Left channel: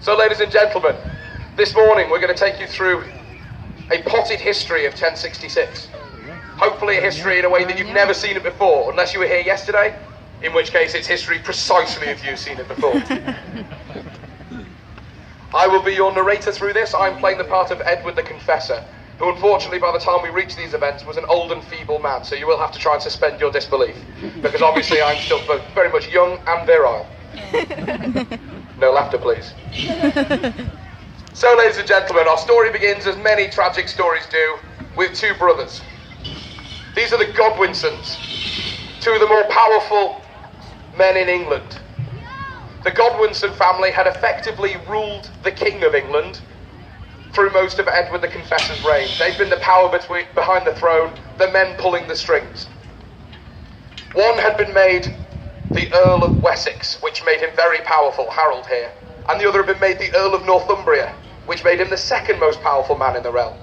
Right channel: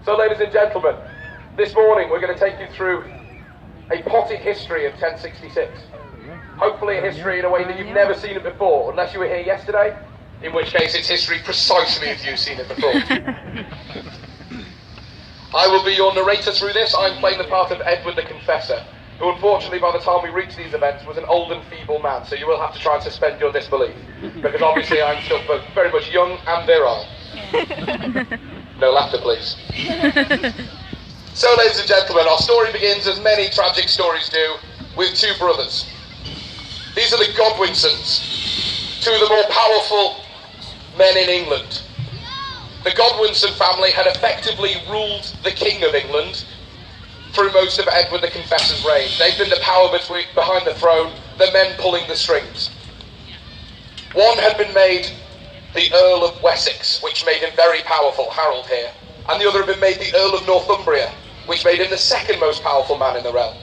So, ladies and gentlemen, this morning we're going to take you through a potted history of 1066. Hopefully a history in a way that you've never seen it before, unless you were here yesterday, in which case it's history precisely if you've seen it before. I will be your narrator through this. I'm playing the part of Edward the Confessor, who unfortunately by the time we reached these events was an old and feeble man, so you will have to try and suspend your disbelief, because obviously I'm still very much young and virile. No laughter, please. So, ladies and gentlemen, our story begins, as many tragic stories do, with two brothers. These are the Godwinsons, two of the more powerful men in England. The Godwinson family had effectively ruled the King of England through most of Edward the Confessor's reign. They've been the power behind the throne, the men pulling the strings. One had been made the Earl of Wessex, which made him very powerful, Harold here, and the other had been made the Earl of Northumbria, which made him the second most powerful man in the realm.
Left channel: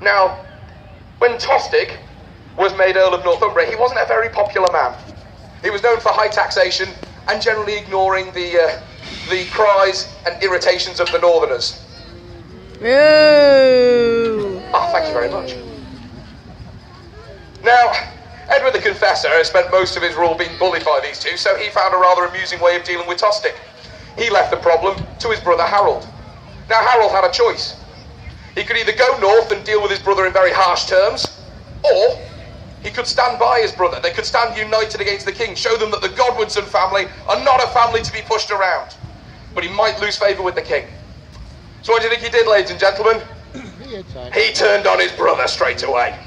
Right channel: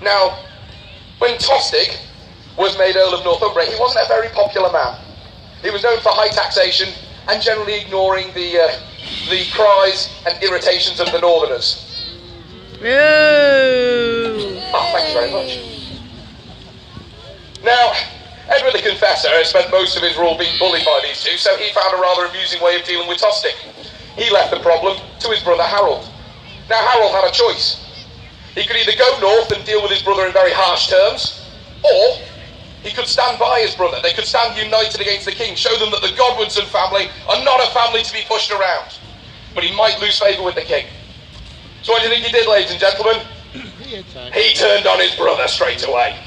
Now, when Tostig was made Earl of Northumbria, he wasn't a very popular man. He was known for high taxation and generally ignoring the cries and irritations of the Northerners. Oh, thank you very much. Now, Edward the Confessor has spent most of his rule being bullied by these two, so he found a rather amusing way of dealing with Tostig. He left the problem to his brother Harold. Now, Harold had a choice. He could either go north and deal with his brother in very harsh terms, or he could stand by his brother. They could stand united against the king, show them that the Godwinson family are not a family to be pushed around. But he might lose favour with the king. So what do you think he did, ladies and gentlemen? He turned on his brother straight away.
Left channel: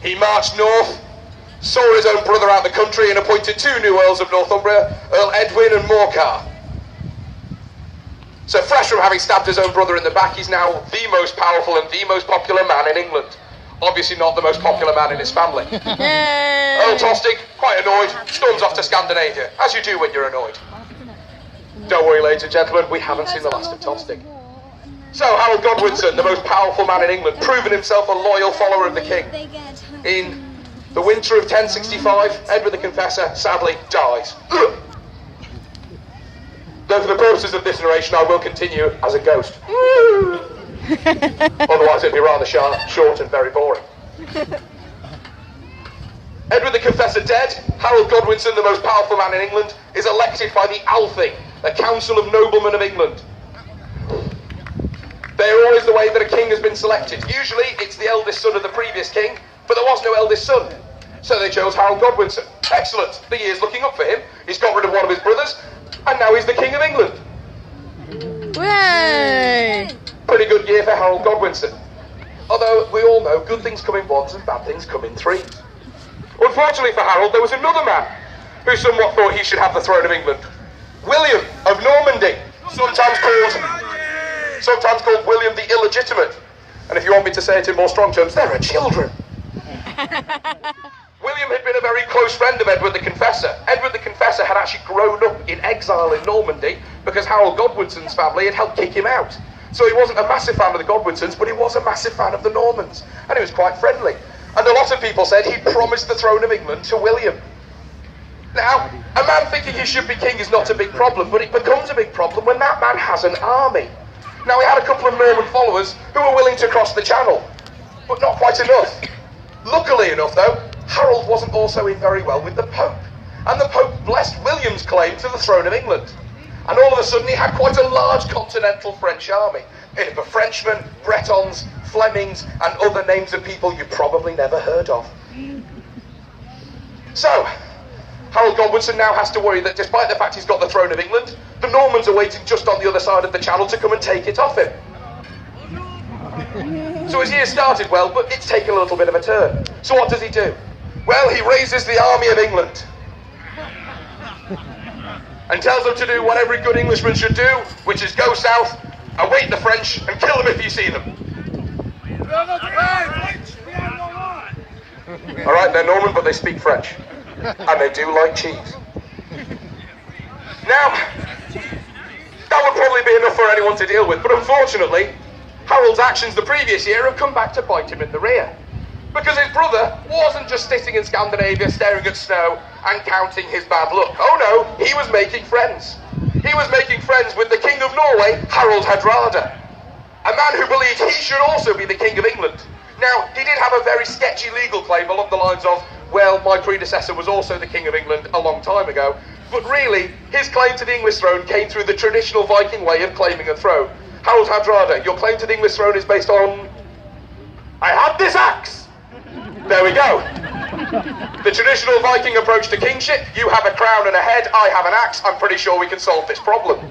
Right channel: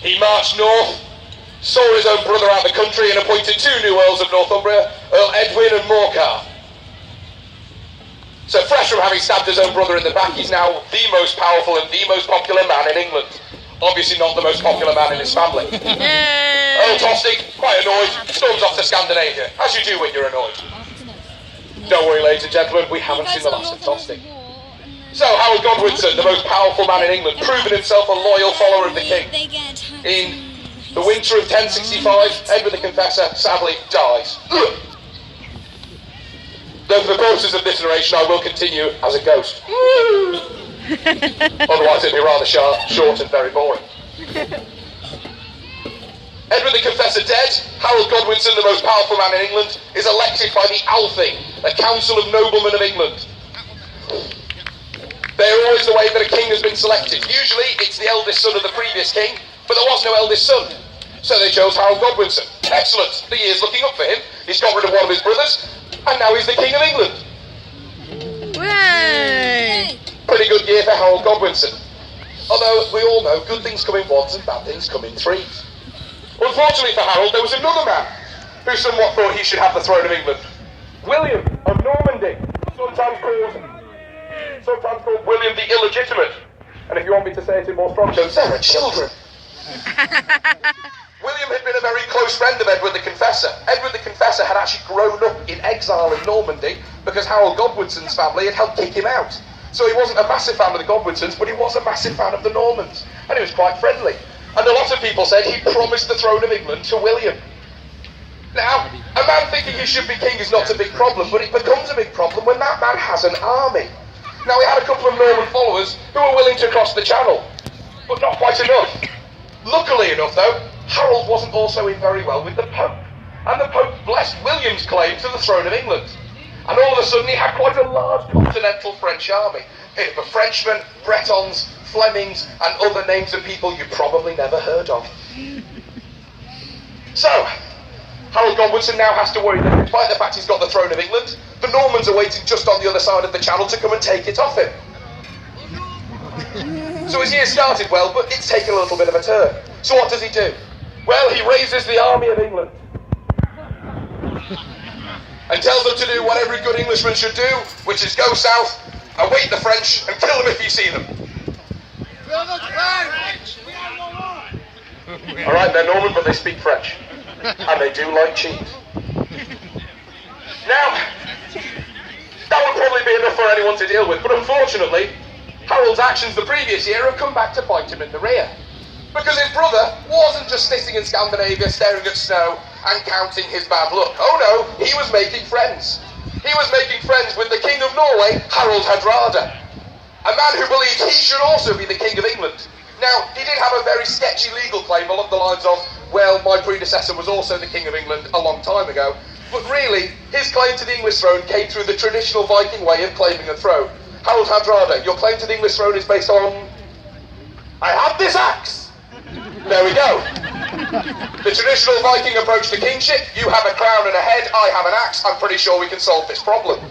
He marched north, saw his own brother out of the country, and appointed two new Earls of Northumbria, Earl Edwin and Morcar. So fresh from having stabbed his own brother in the back, he's now the most powerful and the most popular man in England. Obviously not the most popular man in his family. Earl Tostig, quite annoyed, storms off to Scandinavia, as you do when you're annoyed. Don't worry, ladies and gentlemen, we haven't seen the last of Tostig. So Harold Godwinson, the most powerful man in England, proven himself a loyal follower of the king. In the winter of 1065, Edward the Confessor sadly dies. Though for the purposes of this narration, I will continue as a ghost. Otherwise it'd be rather short and very boring. Edward the Confessor dead, Harold Godwinson, the most powerful man in England, is elected by the Althing, a council of noblemen of England. They're always the way that a king has been selected. Usually it's the eldest son of the previous king, but there was no eldest son. So they chose Harold Godwinson. Excellent, the year's looking up for him. He's got rid of one of his brothers, and now he's the King of England. Hooray! Pretty good year for Harold Godwinson. Although we all know good things come in ones and bad things come in threes. Unfortunately for Harold, there was another man who somewhat thought he should have the throne of England. William of Normandy, sometimes called William the Illegitimate. And if you want me to say it in more strong terms, there are children. William had been a very close friend of Edward the Confessor. Edward the Confessor had actually grown up in exile in Normandy because Harold Godwinson's family had helped kick him out. So he wasn't a massive fan of the Godwinsons, but he was a massive fan of the Normans. And he was quite friendly. And a lot of people said he promised the throne of England to William. Now, a man thinking he should be king is not a big problem, but it becomes a big problem when that man has an army. Now, he had a couple of Norman followers who were willing to cross the channel, but not quite enough. Luckily enough, though, Harold wasn't also in very well with the Pope, and the Pope blessed William's claim to the throne of England. And all of a sudden he had quite a large continental French army. It were Frenchmen, Bretons, Flemings, and other names of people you probably never heard of. So, Harold Godwinson now has to worry that despite the fact he's got the throne of England, the Normans are waiting just on the other side of the channel to come and take it off him. So his year started well, but it's taken a little bit of a turn. So what does he do? Well, he raises the army of England and tells them to do what every good Englishman should do, which is go south, await the French, and kill them if you see them. Alright, they're Norman, but they speak French. And they do like cheese. Now, that would probably be enough for anyone to deal with, but unfortunately, Harold's actions the previous year have come back to bite him in the rear. Because his brother wasn't just sitting in Scandinavia staring at snow and counting his bad luck. Oh no, he was making friends. He was making friends with the King of Norway, Harald Hardrada, a man who believed he should also be the King of England. Now, he did have a very sketchy legal claim along the lines of, well, my predecessor was also the King of England a long time ago, but really, his claim to the English throne came through the traditional Viking way of claiming a throne. Harald Hardrada, your claim to the English throne is based on... I have this axe! There we go. The traditional Viking approach to kingship, you have a crown and a head, I have an axe, I'm pretty sure we can solve this problem.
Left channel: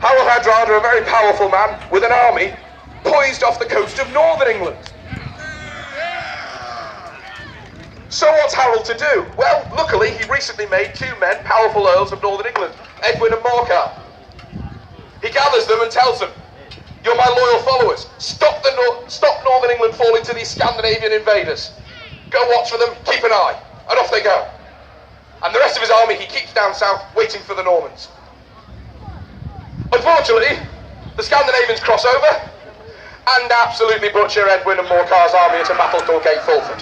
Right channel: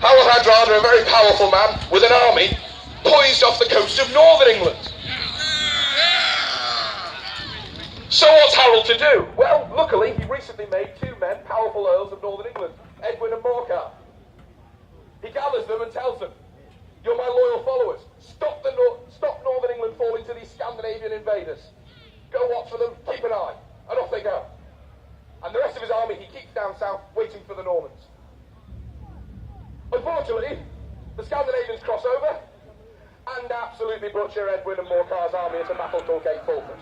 Harald Hardrada, a very powerful man with an army, poised off the coast of northern England. So what's Harold to do? Well, luckily he recently made two men powerful earls of northern England, Edwin and Morcar. He gathers them and tells them, you're my loyal followers, stop northern England falling to these Scandinavian invaders. Go watch for them, keep an eye, and off they go. And the rest of his army he keeps down south, waiting for the Normans. Unfortunately, the Scandinavians cross over and absolutely butcher Edwin and Morcar's army at a battle called Cape Fulford.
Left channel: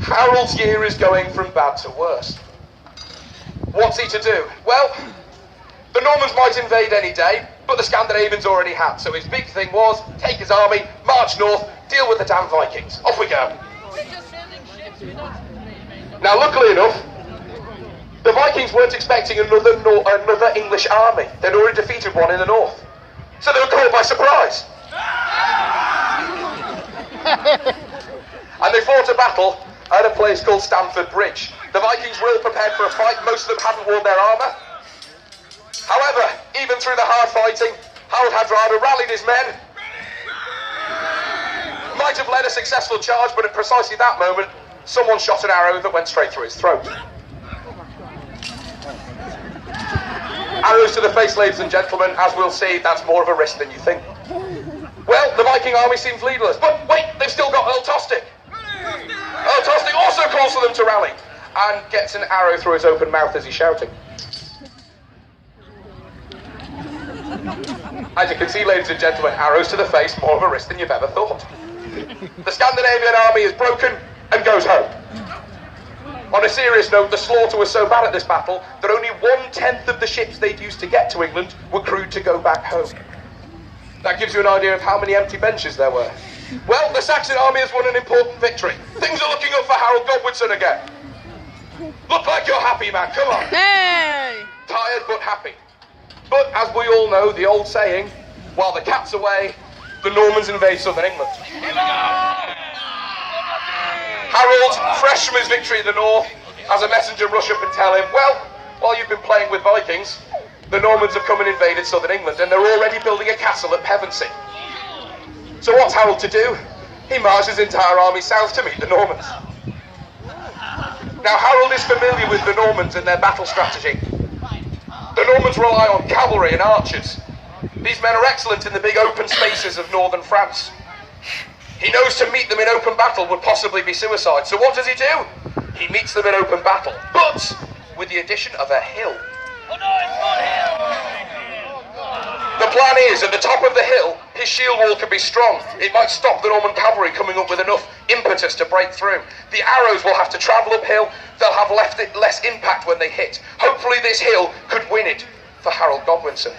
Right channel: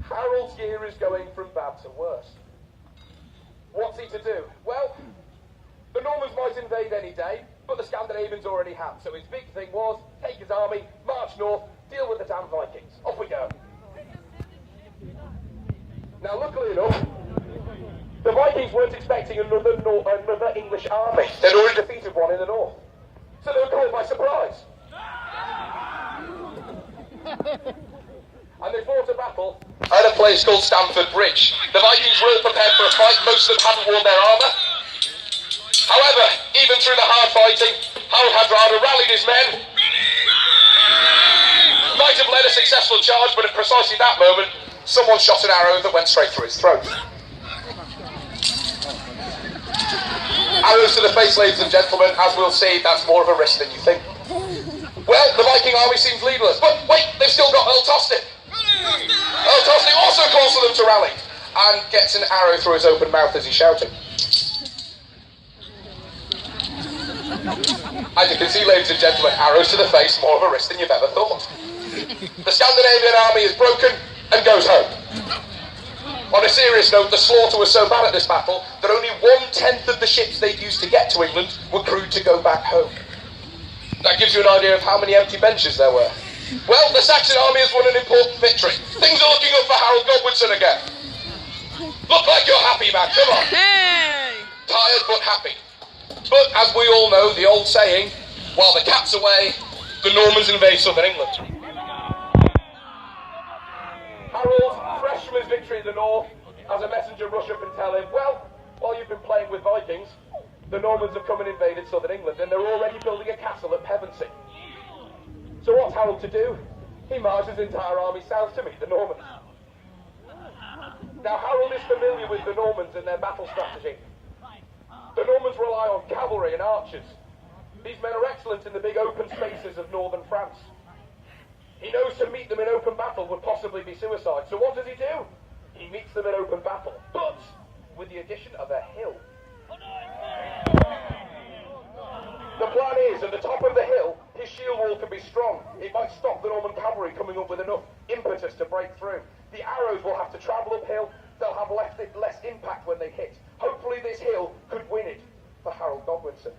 Harold's year is going from bad to worse. What's he to do? Well, the Normans might invade any day, but the Scandinavians already had, so his big thing was take his army, march north, deal with the damn Vikings. Off we go. Now, luckily enough, the Vikings weren't expecting another English army. They'd already defeated one in the north. So they were caught by surprise. And they fought a battle at a place called Stamford Bridge. The Vikings weren't prepared for a fight. Most of them hadn't worn their armour. However, even through the hard fighting, Harald Hardrada rallied his men. Might have led a successful charge, but at precisely that moment, someone shot an arrow that went straight through his throat. Arrows to the face, ladies and gentlemen, as we'll see, that's more of a risk than you think. Well, the Viking army seems leaderless, but wait, they've still got Earl Tostig. Earl Tostig also calls for them to rally, and gets an arrow through his open mouth as he's shouting. As you can see, ladies and gentlemen, arrows to the face, more of a risk than you've ever thought. The Scandinavian army is broken and goes home. On a serious note, the slaughter was so bad at this battle that only 1/10 of the ships they'd used to get to England were crewed to go back home. That gives you an idea of how many empty benches there were. Well, the Saxon army has won an important victory. Things are looking up for Harold Godwinson again. Look like you're happy, man, come on. Tired but happy. But as we all know, the old saying, while the cat's away, the Normans invade southern England. Harold, fresh from his victory in the north, has a messenger rush up and tell him, well, while you've been playing with Vikings, the Normans have come and invaded southern England, and they're already building a castle at Pevensey. So what's Harold to do? He marches his entire army south to meet the Normans. Now, Harold is familiar with the Normans and their battle strategy. The Normans rely on cavalry and archers. These men are excellent in the big open spaces of northern France. He knows to meet them in open battle would possibly be suicide. So what does he do? He meets them in open battle, but with the addition of a hill. The plan is, at the top of the hill, his shield wall can be strong. It might stop the Norman cavalry coming up with enough impetus to break through. The arrows will have to travel uphill. They'll have less impact when they hit. Hopefully this hill could win it for Harold Godwinson.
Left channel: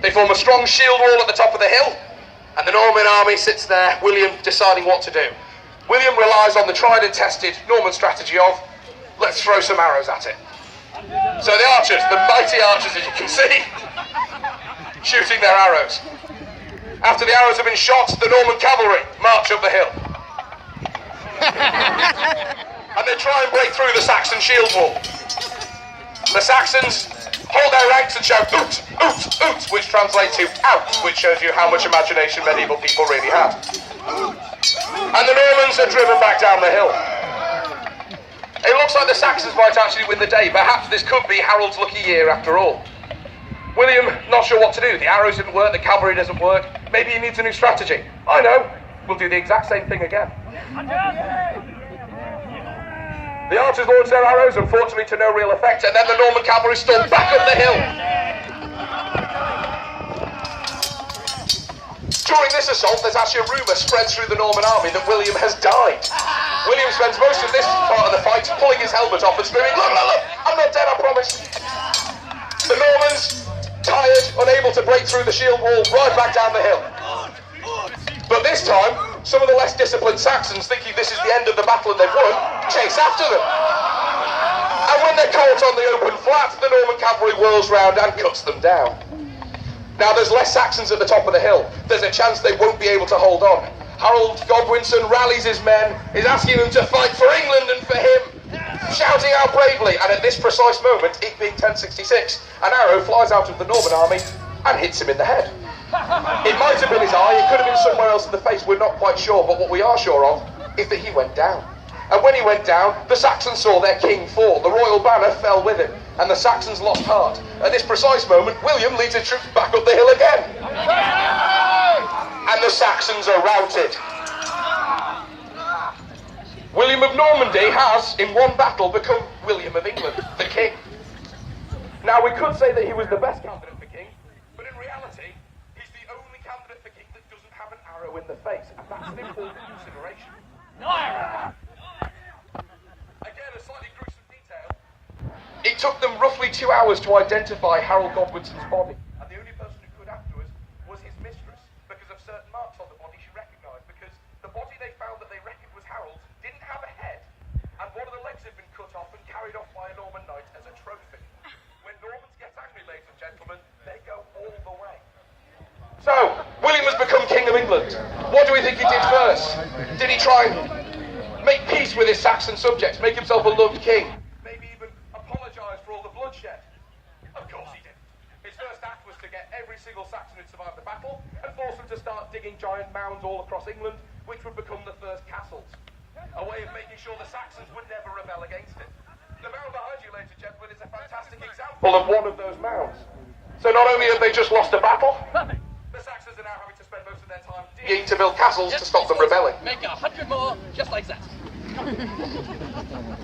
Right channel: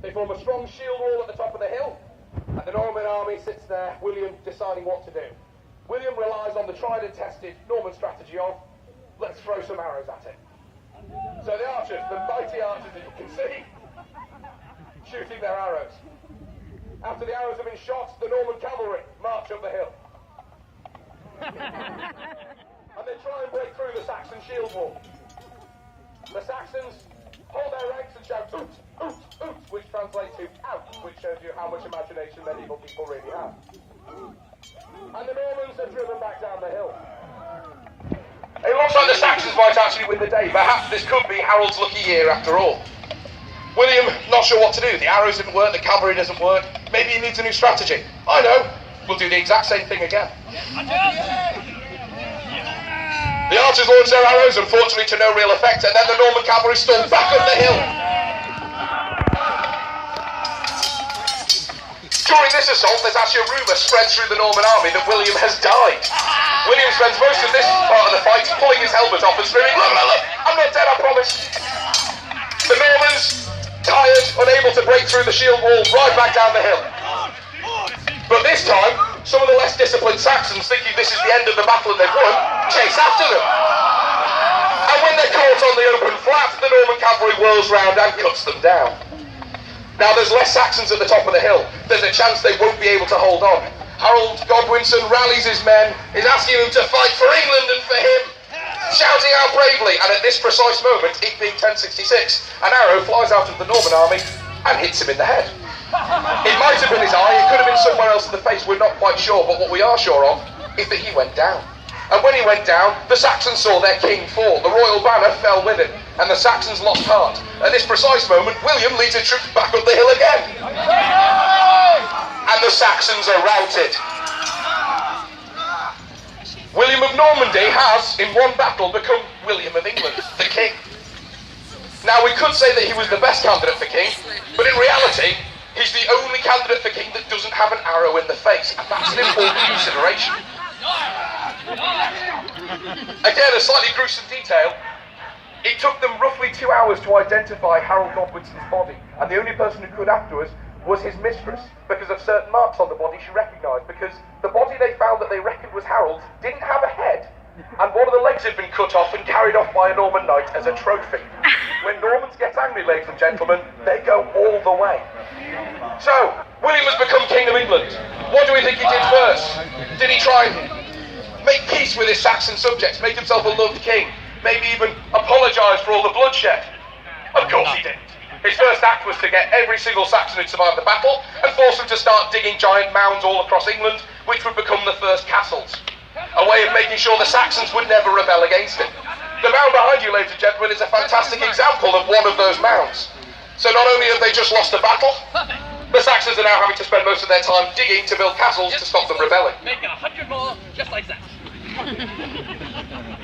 They form a strong shield wall at the top of the hill, and the Norman army sits there, William deciding what to do. William relies on the tried and tested Norman strategy of, let's throw some arrows at it. So the archers, the mighty archers as you can see, shooting their arrows. After the arrows have been shot, the Norman cavalry march up the hill. And they try and break through the Saxon shield wall. The Saxons hold their ranks and shout, oot, oot, oot, which translates to out, which shows you how much imagination medieval people really had. And the Normans are driven back down the hill. It looks like the Saxons might actually win the day. Perhaps this could be Harold's lucky year after all. William, not sure what to do. The arrows didn't work, the cavalry doesn't work. Maybe he needs a new strategy. I know, we'll do the exact same thing again. The archers launch their arrows, unfortunately to no real effect, and then the Norman cavalry storm back up the hill. During this assault, there's actually a rumour spread through the Norman army that William has died. William spends most of this part of the fight pulling his helmet off and screaming, look, look, look, I'm not dead, I promise. The Normans, tired, unable to break through the shield wall, ride back down the hill. But this time, some of the less disciplined Saxons, thinking this is the end of the battle and they've won, chase after them. And when they're caught on the open flat, the Norman cavalry whirls round and cuts them down. Now there's less Saxons at the top of the hill. There's a chance they won't be able to hold on. Harold Godwinson rallies his men, is asking them to fight for England and for him, shouting out bravely, and at this precise moment, it being 1066, an arrow flies out of the Norman army and hits him in the head. It might have been his eye, it could have been somewhere else in the face, we're not quite sure, but what we are sure of is that he went down. And when he went down, the Saxons saw their king fall, the royal banner fell with him, and the Saxons lost heart. At this precise moment, William leads his troops back up the hill again. And the Saxons are routed. William of Normandy has, in one battle, become William of England, the king. Now, we could say that he was the best candidate for king, but in reality, he's the only candidate for king that doesn't have an arrow in the face, and that's an important consideration. Again, a slightly gruesome detail. It took them roughly 2 hours to identify Harold Godwinson's body, and the only person who could afterwards was his mistress, because of certain marks on the body she recognised, because the body they found that they reckoned was Harold's didn't have a head, and one of the legs had been cut off and carried off by a Norman knight as a trophy. When Normans get angry, ladies and gentlemen, they go all the way. So, William has become King of England. What do we think he did first? Did he try and make peace with his Saxon subjects, make himself a loved king, maybe even apologise for all the bloodshed? Of course he didn't. His first act was to get every single Saxon who'd survived the battle and force them to start digging giant mounds all across England, which would become the first castles. A way of making sure the Saxons would never rebel against him. The mound behind you, ladies and gentlemen, is a fantastic example of one of those mounds. So not only have they just lost a battle, the Saxons are now having to spend most of their time digging to build castles to stop them rebelling. Make 100 more, just like that.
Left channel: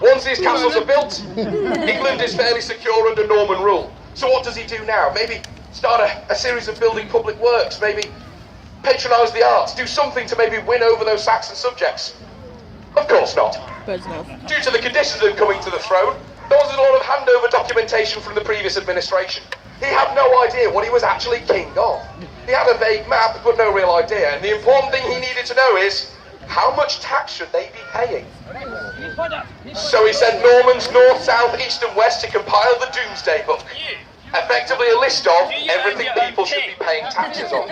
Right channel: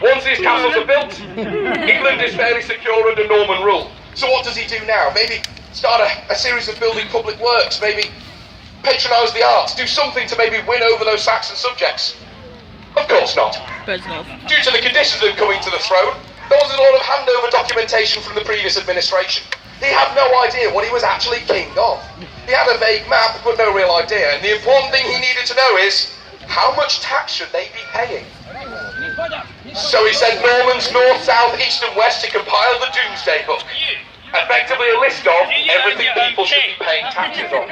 Once these castles are built, England is fairly secure under Norman rule. So what does he do now? Maybe start a series of building public works, maybe patronise the arts, do something to maybe win over those Saxon subjects? Of course not. Due to the conditions of coming to the throne, there was a lot of handover documentation from the previous administration. He had no idea what he was actually king of. He had a vague map, but no real idea, and the important thing he needed to know is, how much tax should they be paying? So he sent Normans north, south, east and west to compile the Doomsday Book. Effectively a list of everything people should be paying taxes on.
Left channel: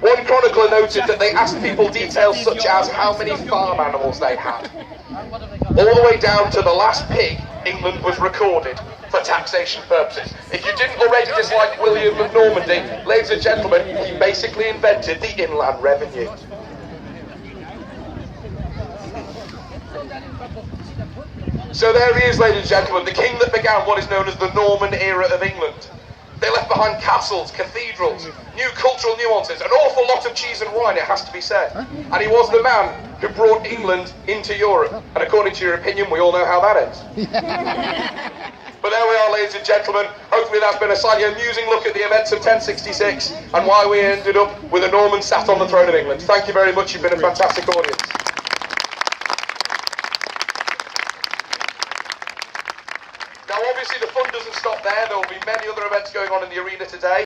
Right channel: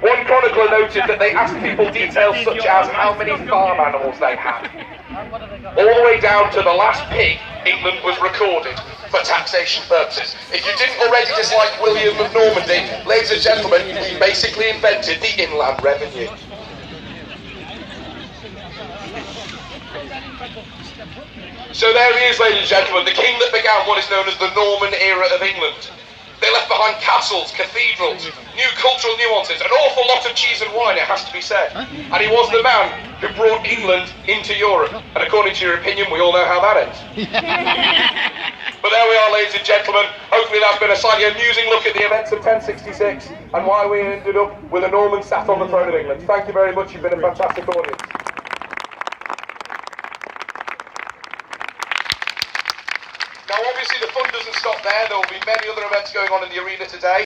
One chronicler noted that they asked people details such as how many farm animals they had. All the way down to the last pig, England was recorded for taxation purposes. If you didn't already dislike William of Normandy, ladies and gentlemen, he basically invented the inland revenue. So there he is, ladies and gentlemen, the king that began what is known as the Norman era of England. They left behind castles, cathedrals, new cultural nuances, an awful lot of cheese and wine, it has to be said. And he was the man who brought England into Europe. And according to your opinion, we all know how that ends. But there we are, ladies and gentlemen. Hopefully that's been a slightly amusing look at the events of 1066 and why we ended up with a Norman sat on the throne of England. Thank you very much. You've been a fantastic audience. Now, obviously, the fun doesn't stop there. There will be many other events going on in the arena today.